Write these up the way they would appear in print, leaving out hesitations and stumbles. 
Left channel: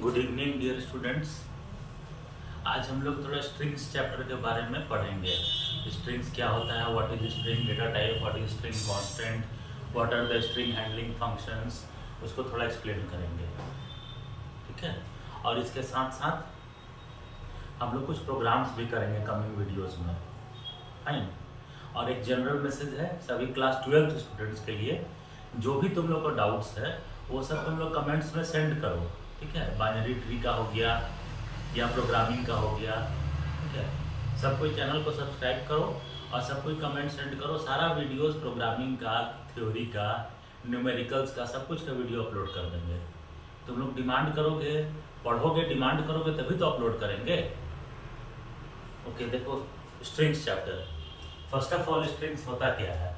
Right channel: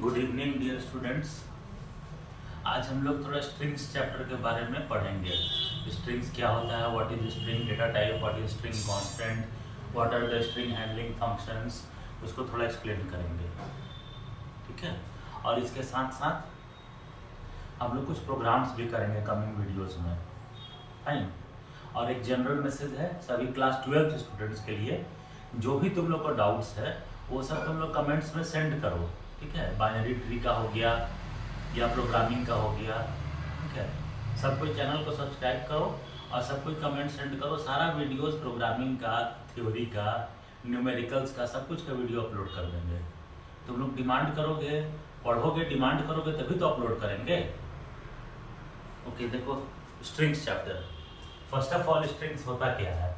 Good evening dear students. आज हम लोग थोड़ा स्ट्रिंग्स चैप्टर के बारे में पढ़ेंगे। स्ट्रिंग्स क्या होता है, what is string data type, what is string constant, what are the string handling functions, उसको थोड़ा एक्सप्लेन करेंगे। ठीक है, और इसके साथ साथ हम लोग कुछ प्रोग्राम्स भी करेंगे कमिंग वीडियोस में। फाइन। और एक जनरल मैसेज है सभी क्लास 12th स्टूडेंट्स के लिए, जो भी तुम लोग को डाउट्स है वो सब तुम लोग कमेंट्स में सेंड करो। ठीक है, बाइनरी ट्री का हो गया या प्रोग्रामिंग का हो गया। ठीक है, सब कोई चैनल को सब्सक्राइब करो और सब कोई कमेंट सेंड करो। सारा वीडियोस प्रोग्रामिंग का, थ्योरी का, न्यूमेरिकल्स का, सब कुछ का वीडियो अपलोड कर देंगे। तुम लोग डिमांड करोगे, पढ़ोगे, डिमांड करोगे तभी तो अपलोड करेंगे। ओके, देखो strings chapter. First of all strings होता क्या है?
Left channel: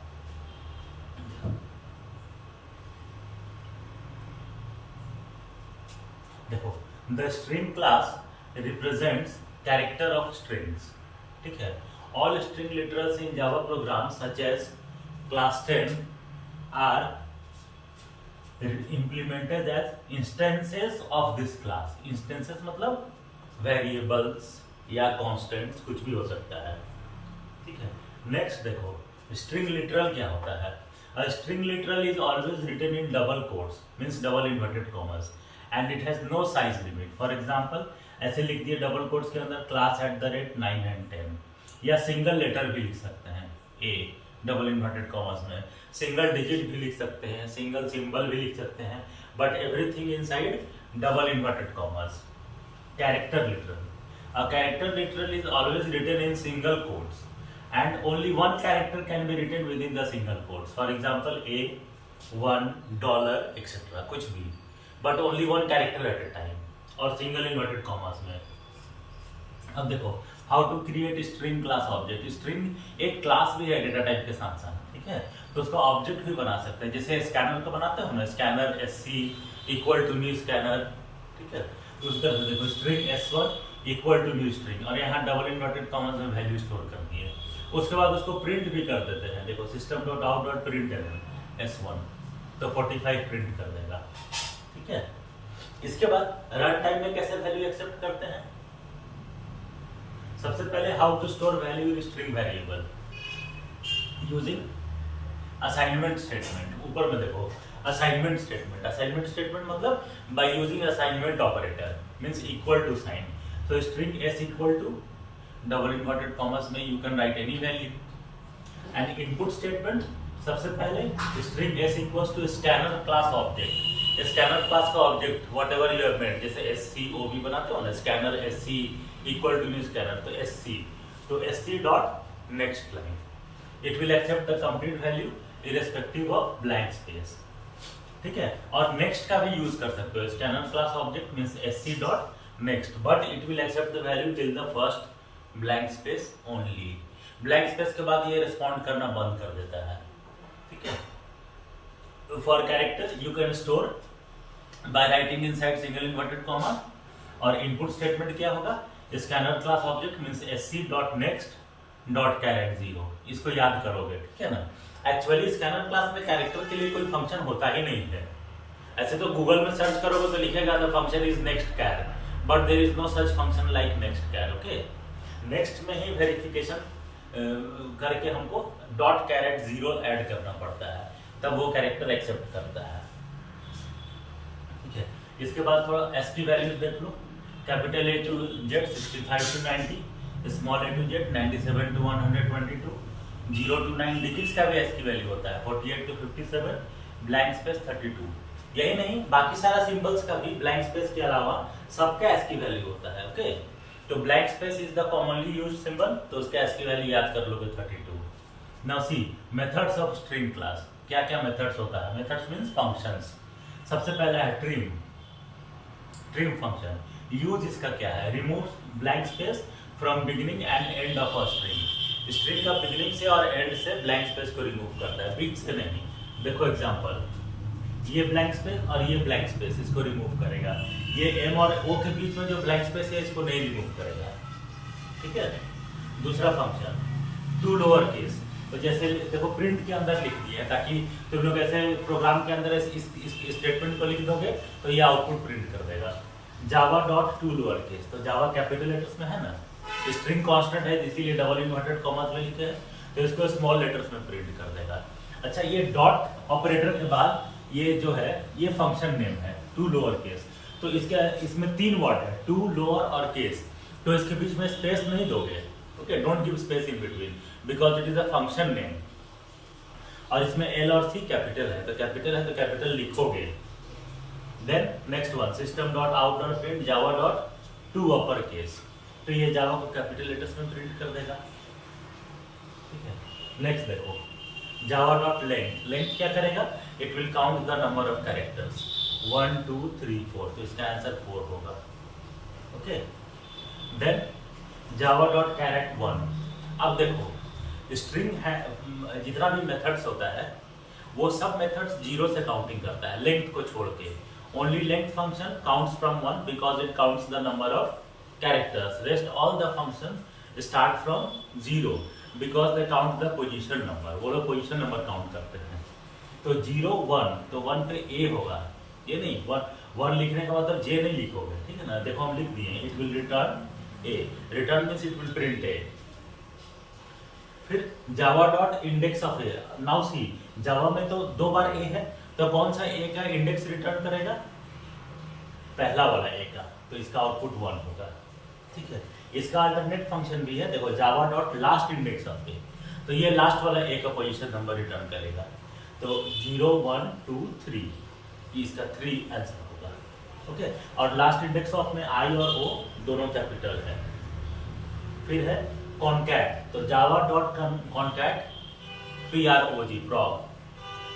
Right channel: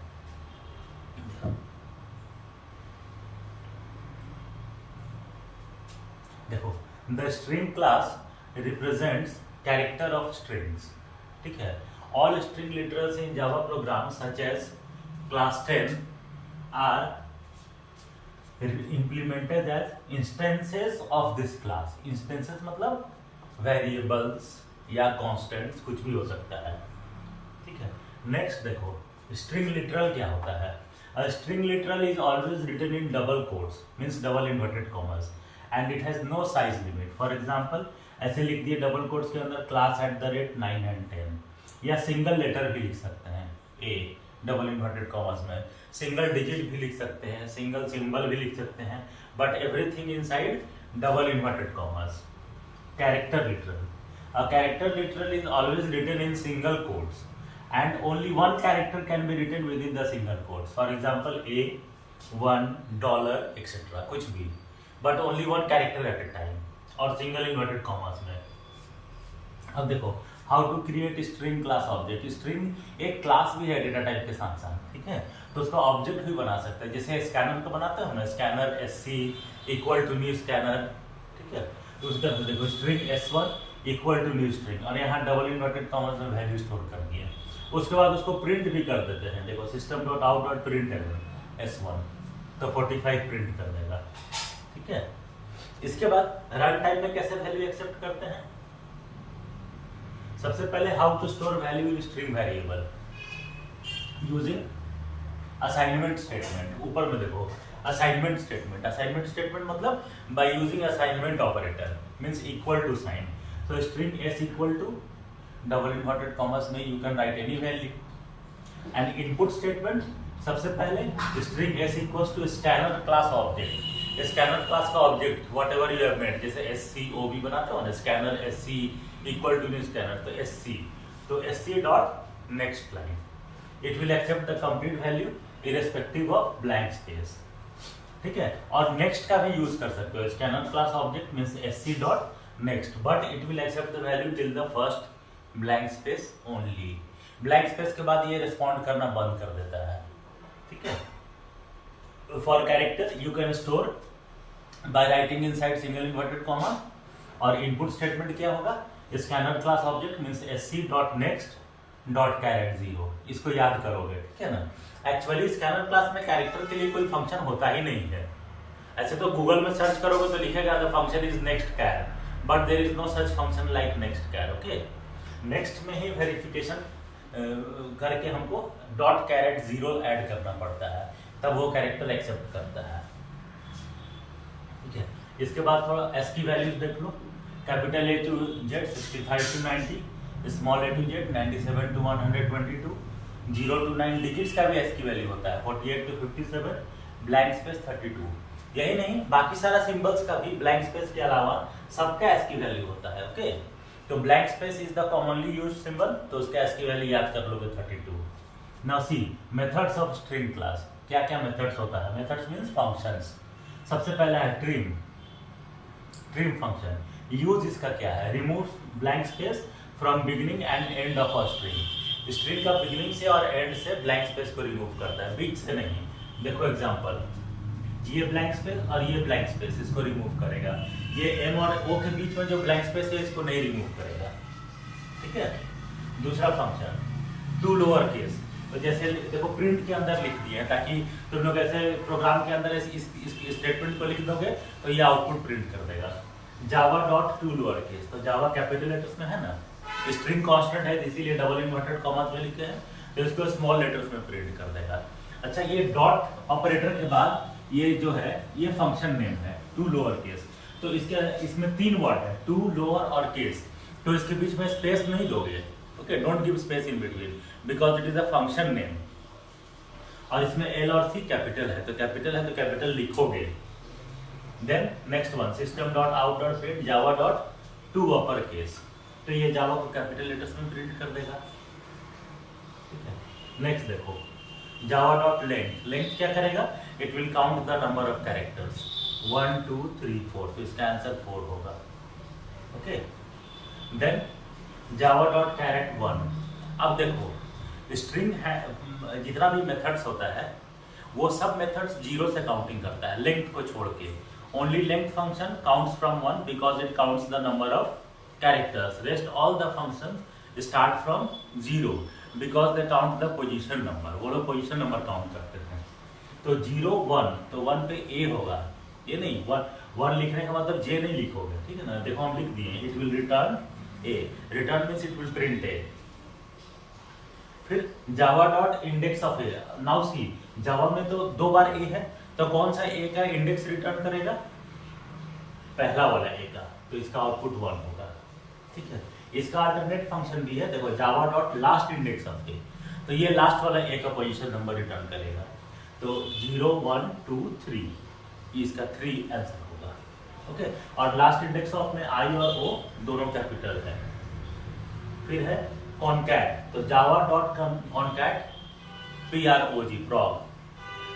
देखो, the string class represents character of strings. ठीक है, all string literals in Java program such as class 10 are implemented as instances of this class। instances मतलब variables या constants, कुछ भी हो सकता है। ठीक है, नेक्स्ट देखो स्ट्रिंग लिटरल क्या होता है। A string literal is always written in double quotes, means double inverted commas, and it has no size limit। For example, ऐसे लिख दिए डबल कोट्स के अंदर class @9 and 10, या सिंगल लेटर भी लिख सकते हैं a डबल इन्वर्टेड कॉमर्स में, सिंगल डिजिट भी लिख सकते हैं, सिंगल सिंबल भी लिख सकते हैं, but everything inside double inverted commas. Character literal, a character literal is always written in single quotes and only one character can be written within the single quotes। For example, a, $1, etc. कुछ भी, but only one character at a time, और single inverted commas में। अब देखो how to create string class object. String एक class भी है data type के साथ साथ। ठीक है, तो उसका ऑब्जेक्ट भी बना सकते हैं, जैसे स्कैनर को बनाते हैं ना, scanner SC equal to new scanner. ठीक है, तो उसका देखो string S1 equal to new string, और यहाँ डबल इन्वर्टेड कॉमर्स में वैल्यू स्टोर करनी है। उसके बाद उसको प्रिंट भी कर देते हैं। देखो system.out.println S1 तो 45 प्रिंट कर देगा। ठीक है, इसके बाद रन टाइम में कैसे वैल्यू एक्सेप्ट करते हैं? सबसे पहले how to store value in string variable using assignment statement. ऊपर में देखो असाइनमेंट स्टेटमेंट। असाइनमेंट स्टेटमेंट मतलब by using assignment operator, means equal to sign. तो string S equal to double inverted commas में you can write any value. And input statement, सबसे पहले string S equals to scanner class object. Scanner class का object whatever you have made, जैसे SCOB बनाते हो ना, scanner SC equal to new scanner, तो SC, तो SC dot next line, it will accept the complete value irrespective of blank space. ठीक है, और नेक्स्ट का भी यूज कर सकते हो। Scanner class object means SC dot next, but it will accept the value till the first blank space only. Blank space के बाद ये रिस्पॉन्ड करना बंद कर देता है। ठीक है, तो for character you can store by writing inside single inverted comma. और इनपुट स्टेटमेंट क्या होगा? Scanner class object means SC dot next dot char at 0। इसको याद करोगे। ठीक है ना, एक्चुअली स्कैनर क्लास में कैरेक्टर के लिए कोई फंक्शन होता ही नहीं है। ऐसे तो गूगल में सर्च करोगे तो लिखेगा the function is next char, but there is no such function like next char. Okay, next में ही वेरिफिकेशन करके हमको डॉट कैरेट 0 ऐड करना पड़ता है, तब वो कैरेक्टर एक्सेप्ट करता है। ठीक है, इसके बाद थोड़ा S की वैल्यूज देख लो। Capital A to Z 65 to 90, small A to Z 97 to 122, 0 to 9 digits का भी S की वैल्यू होता है, 48 to 57, ब्लैंक स्पेस 32। यही नहीं, बाकी सारा सिंबल्स का भी ब्लैंक स्पेस के अलावा सबका S की वैल्यू होता है। ओके, तो blank space is the commonly used symbol, तो उसका S की वैल्यू याद कर लोगे 32। Now see methods of string class. क्या क्या मेथड्स होता है? Methods means functions. सबसे पहला है ट्रिम। ट्रिम फंक्शन यूज इसका क्या है? Remove blank space from beginning and end of a string. String का बिगिनिंग से और एंड से ब्लैंक स्पेस को रिमूव करता है, बीच से नहीं। देखो एग्जांपल, ये ब्लैंक स्पेस और ये ब्लैंक स्पेस, इसको रिमूव करेगा। ये M और O के बीच में जो ब्लैंक स्पेस है इसको नहीं रिमूव करेगा। ठीक है, दूसरा फंक्शन टू लोअर केस। तो जैसे देखो प्रिंट के अंदर लिख दिया, ताकि तुम लोग ऐसे प्रोग्राम के अंदर इस स्टेटमेंट को लिख दोगे तो ये आउटपुट प्रिंट कर देगा। जावा डॉट टू लोअर केस, तो जावा कैपिटल लेटर्स में है ना, स्ट्रिंग कांस्टेंट है इसीलिए डबल इन्वर्टेड कॉमास में लिखे हैं, तो इसको स्मॉल लेटर्स में प्रिंट कर देगा। अच्छा, ये डॉट ऑपरेटर के बाद ये जो है ये फंक्शन नेम है टू लोअर केस, तो इसमें 3 वर्ड है, टू लोअर और केस, तो इसके बीच में स्पेस नहीं दोगे। Okay, don't give space in between because it is a function name. और इसमें एल और सी कैपिटल है तो कैपिटल लिखोगे। Then next one, system dot out dot print Java dot to upper case, तो ये जावा को कैपिटल लेटर्स में प्रिंट कर देगा। ठीक है, नेक्स्ट देखो, जावा डॉट लेंथ क्या करेगा, it will count the number of characters 1 2 3 4, तो इसका आंसर 4 होगा। Okay, then Java dot char at 1, अब देखो स्ट्रिंग है, जितना भी मेथड्स होता है वो सब मेथड्स 0 से काउंटिंग करता है लेंथ को छोड़ के। Only length function counts from 1 because it counts the number of characters, rest all the function start from 0 because they count the position number, वो लोग पोजीशन नंबर काउंट करते हैं। तो 0 1, तो 1 पे ए होगा, ये नहीं 1 लिखने का मतलब जे नहीं लिखोगे, ठीक है ना, देखो हम लिख दिए it will return a, return means it will print a. फिर Java dot index of a, now see Java में तो 2 बार ए है, तो कौन सा ए का इंडेक्स रिटर्न करेगा, पहला वाला ए का, तो इसका आउटपुट 1 होगा। ठीक है, इसका अल्टरनेट फंक्शन भी है, देखो Java dot last index of a, तो ये लास्ट वाला ए का पोजीशन नंबर रिटर्न करेगा, तो 0 1 2 3, इसका 3 आंसर होगा। ओके, और लास्ट इंडेक्स ऑफ में आई और ओ दोनों कैपिटल है। फिर है कॉनकैट, तो Java dot concat PROG prog,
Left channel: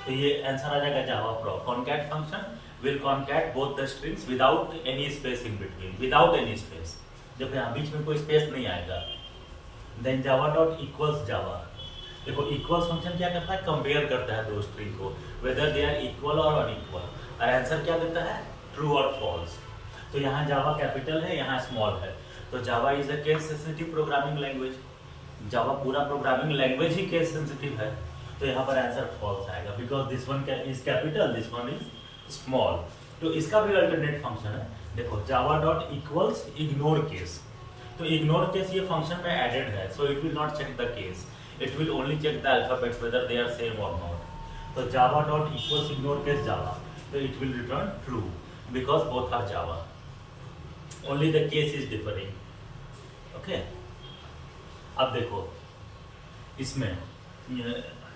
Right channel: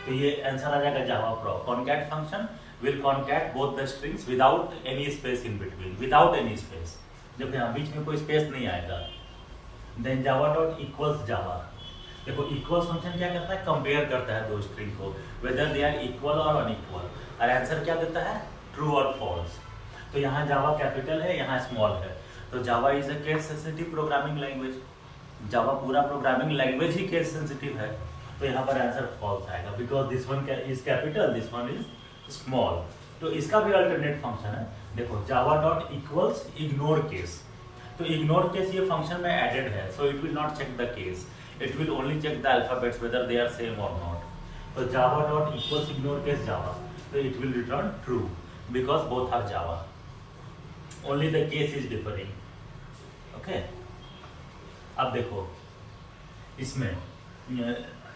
तो ये आंसर आ जाएगा Java prog. Concat function will concat both the strings without any space in between, without any space, जब यहाँ बीच में कोई स्पेस नहीं आएगा। Then Java dot equals Java, देखो इक्वल्स फंक्शन क्या करता है, कंपेयर करता है दो स्ट्रिंग को वेदर दे आर इक्वल और अनइक्वल, और आंसर क्या देता है, ट्रू और फॉल्स। तो यहाँ जावा कैपिटल है, यहाँ स्मॉल है, तो Java is a case sensitive programming language, Java पूरा प्रोग्रामिंग लैंग्वेज ही केस सेंसिटिव है, तो यहाँ पर आंसर फॉल्स आएगा because this one is capital, this one is small. तो इसका भी अल्टरनेट फंक्शन है, देखो Java dot equals ignore case, तो इग्नोर केस ये फंक्शन में एडेड है, so it will not check the case, it will only check the alphabets whether they are same और नॉट। तो Java dot equals ignore case Java, तो it will return true because both are Java, only the case is differing. Okay, अब देखो इसमें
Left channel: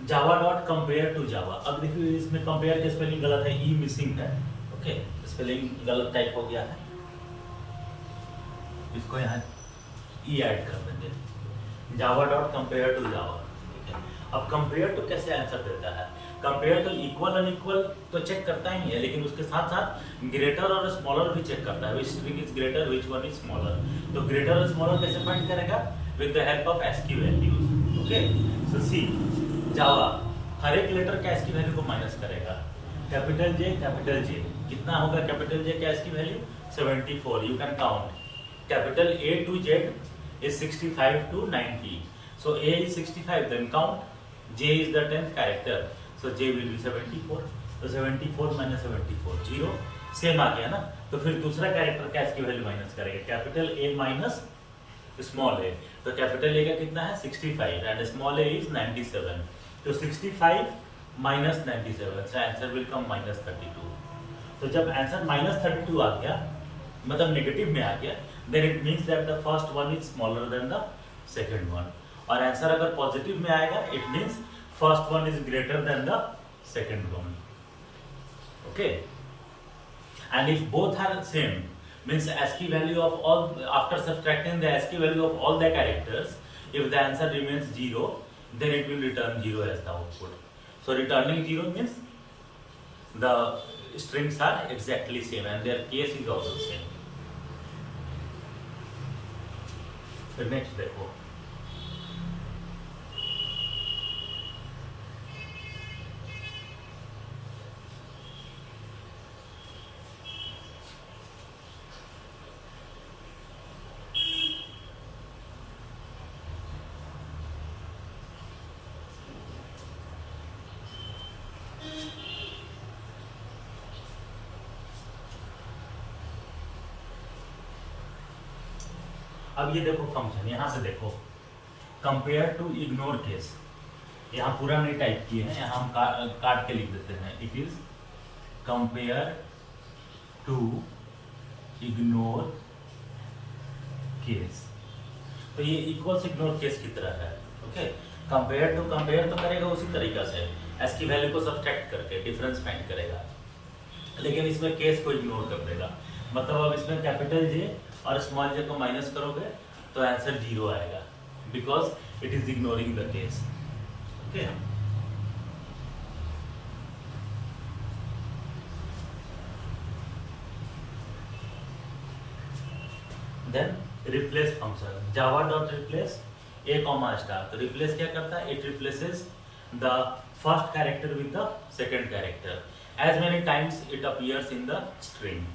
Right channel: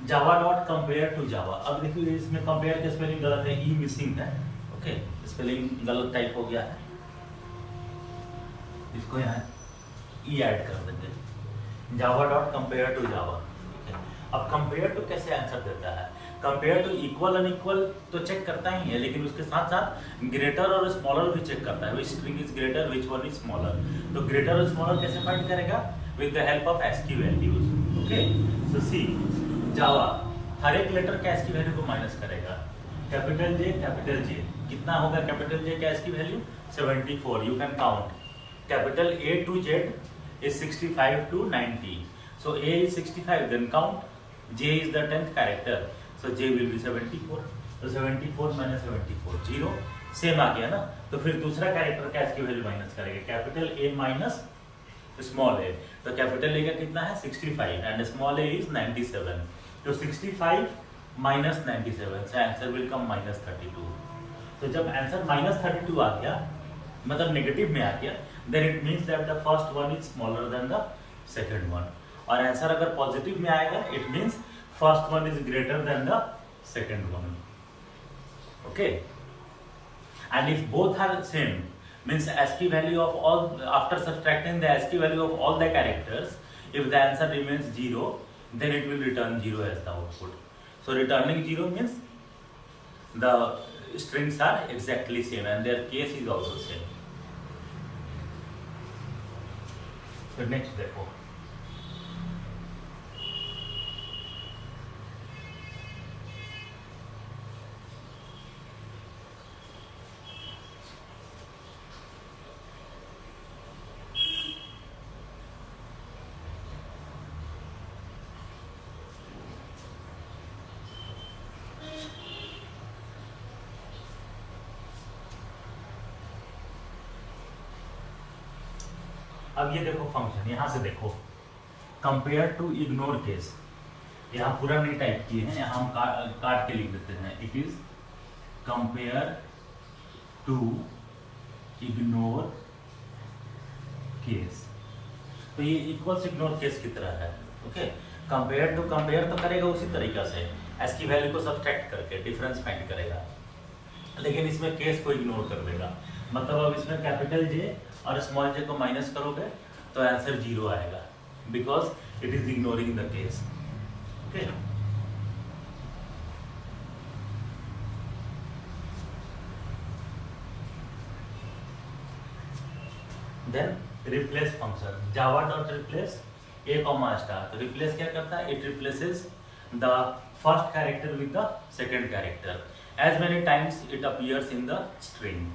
Java dot compare to Java, अब देखिए इसमें कंपेयर के स्पेलिंग गलत है, ई मिसिंग है। ओके, स्पेलिंग गलत टाइप हो गया है, इसको यहाँ ई ऐड कर देंगे, Java dot compare to Java. ठीक है, अब कंपेयर टू कैसे आंसर देता है, कंपेयर टू इक्वल अनइक्वल तो चेक करता ही है, लेकिन उसके साथ साथ ग्रेटर और स्मॉलर भी चेक करता है, which string is greater which one is smaller. तो ग्रेटर और स्मॉलर कैसे फाइंड करेगा, with the help of ASCII values. Okay, so see Java हर एक लेटर का ASCII वैल्यू को माइनस करेगा, कैपिटल जे कितना होगा, कैपिटल जे का ASCII value 74, you can count, capital A to Z is 65 to 90, so A is 65, then count, J is the 10th character, so J will be 74, तो 74 minus 74 0, same आ गया ना। तो फिर दूसरा character का ASCII वैल्यू माइनस करेगा, capital A minus small a, तो capital A का कितना है 65 एंड स्मॉल a इज 97, तो 65 minus 97, so answer will come minus 32। तो जब आंसर माइनस 32 आ गया, मतलब नेगेटिव में आ गया, then it means that the first one is smaller than the second one, और आंसर अगर पॉजिटिव में आएगा, it means first one is greater than the second one. Okay, and if both are same, means ASCII value of all, after subtracting the ASCII value of all the characters, if the answer remains 0, then it will return 0 as the output. So returning 0 means the strings are exactly same and their case is also same. So next देखो, अब ये देखो function, यहाँ से देखो compare to ignore case, यहाँ पूरा नहीं टाइप किए हैं, यहाँ हम काट के लिख देते हैं। It is compare to ignore case, तो ये इक्वल्स इग्नोर केस की तरह है। ओके, कंपेयर टू कंपेयर तो करेगा उसी तरीका से, एस की वैल्यू को सब्सट्रैक्ट करके डिफरेंस फाइंड करेगा, लेकिन इसमें केस को इग्नोर कर देगा। मतलब अब इसमें कैपिटल जे और स्मॉल जे को माइनस करोगे तो आंसर 0 आएगा, because it is ignoring the case. Okay, then replace function, Java dot replace a comma star. तो रिप्लेस क्या करता है? It replaces the first character with the second character as many times it appears in the string.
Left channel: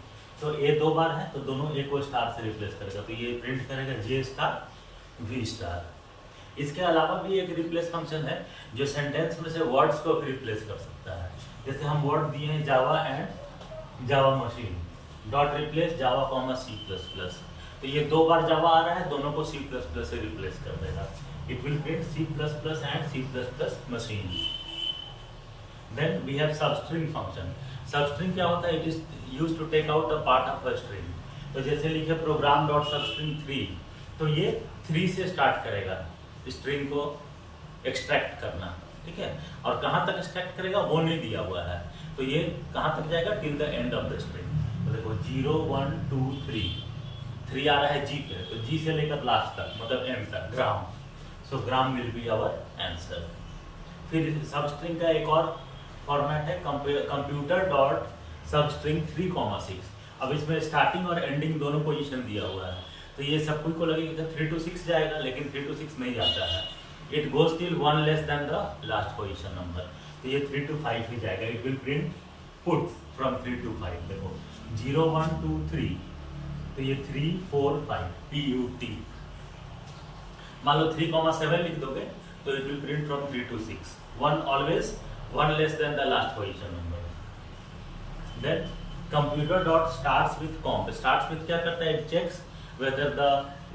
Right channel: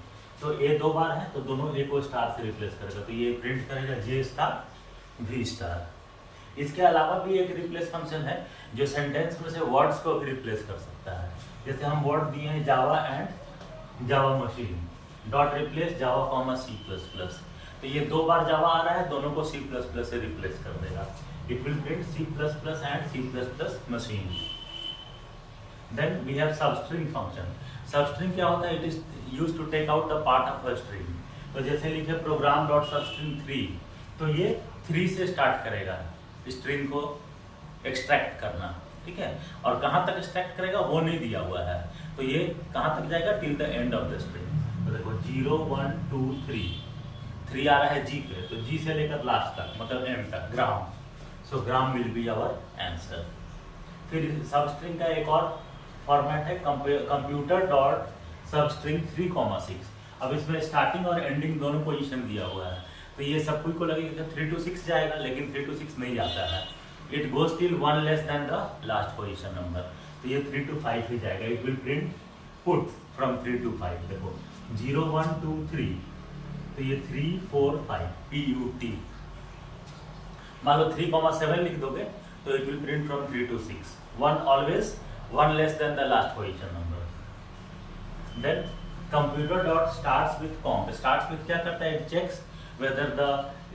तो a 2 बार है तो दोनों ए को star से रिप्लेस करेगा, तो ये प्रिंट करेगा जे स्टार वी स्टार। इसके अलावा भी एक रिप्लेस फंक्शन है जो सेंटेंस में से वर्ड्स को रिप्लेस कर सकता है। जैसे हम वर्ड दिए हैं Java and Java machine, dot replace Java comma C plus plus, तो ये 2 बार जावा आ रहा है, दोनों को सी प्लस प्लस से रिप्लेस कर देगा। It will print C plus plus and C plus plus machine. Then we have substring function. Substring क्या होता है? It is used to take out the part of a string. तो जैसे लिखे program dot substring 3, तो ये 3 से start करेगा स्ट्रिंग को एक्सट्रैक्ट करना, ठीक है। और कहाँ तक एक्सट्रैक्ट करेगा वो नहीं दिया हुआ है, तो ये कहाँ तक जाएगा? Till the end of the string. तो देखो 0 1 2 3 आ रहा है जी पे, तो जी से लेकर लास्ट तक मतलब एम तक ग्राम, सो ग्राम विल बी आवर आंसर। फिर सबस्ट्रिंग का एक और फॉर्मेट है कंप्यूटर डॉट सबस्ट्रिंग 3,6। अब इसमें स्टार्टिंग और एंडिंग दोनों पोजीशन दिया हुआ है, तो ये सब कोई को लगेगा 3 to 6 जाएगा, लेकिन 3 to 6 नहीं जाता है। It goes till 1 less than the last position number, तो ये 3 to 5 ही जाएगा। It will print put from 3 to 5। देखो 0 1 2 3, तो ये 3 4 5 PUT। मान लो 3,7 लिख दोगे तो it will print from 3 to 6। 1 always 1 less than the last position number. Then computer dot starts with comp. Starts with क्या करता है? It checks whether the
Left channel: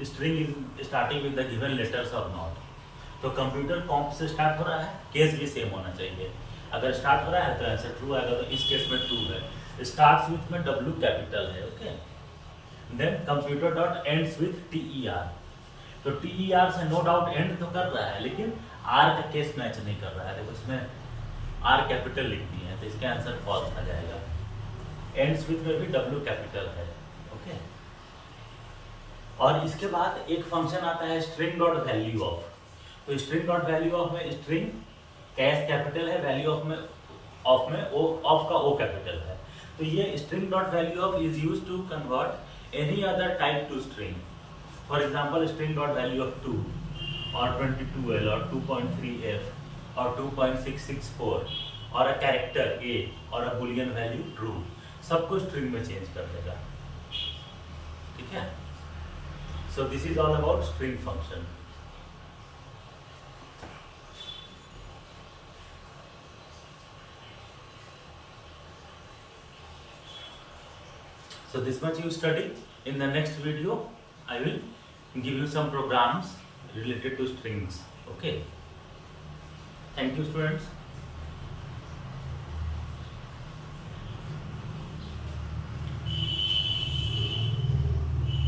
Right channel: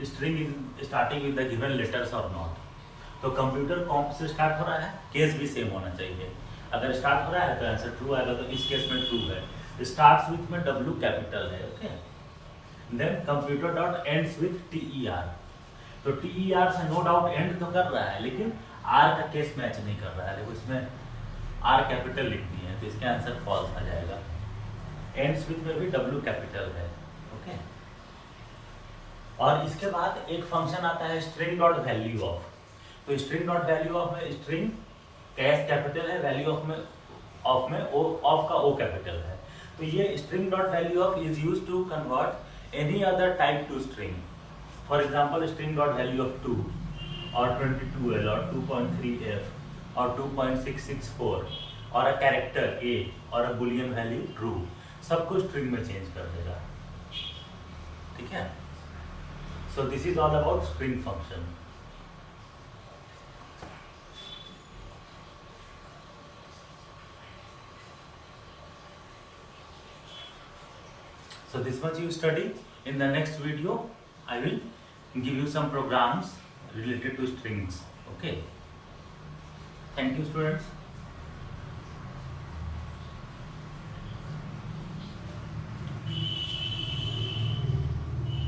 string is starting with the given letters or not। तो computer कॉम्प से start हो रहा है, case भी same होना चाहिए। अगर स्टार्ट हो रहा है तो आंसर ट्रू आएगा, तो इस केस में ट्रू है। स्टार्ट्स विथ में W कैपिटल है, okay. Then computer dot ends with TER। तो TER से नो डाउट एंड तो कर रहा है, लेकिन R का केस मैच नहीं कर रहा है। देखो इसमें R कैपिटल लिख दी है, तो इसका आंसर फॉल्स आ जाएगा। एंड्स विथ में भी W कैपिटल है, ओके। और इसके बाद एक फंक्शन आता है स्ट्रिंग डॉट वैल्यू ऑफ। तो स्ट्रिंग डॉट वैल्यू ऑफ में स्ट्रिंग कैश कैपिटल है, वैल्यू ऑफ में ऑफ का O कैपिटल है। तो ये string dot value of is used to convert any other type to string. For example string dot value of 2 और 22L और 2.3F और 2.664 और अ कैरेक्टर A और अ बुलियन वैल्यू ट्रू, सबको स्ट्रिंग में चेंज कर देगा, ठीक है। So this is all about string function. So this much you study. In the next video, I will give you some programs related to strings. Okay. Thank you, students.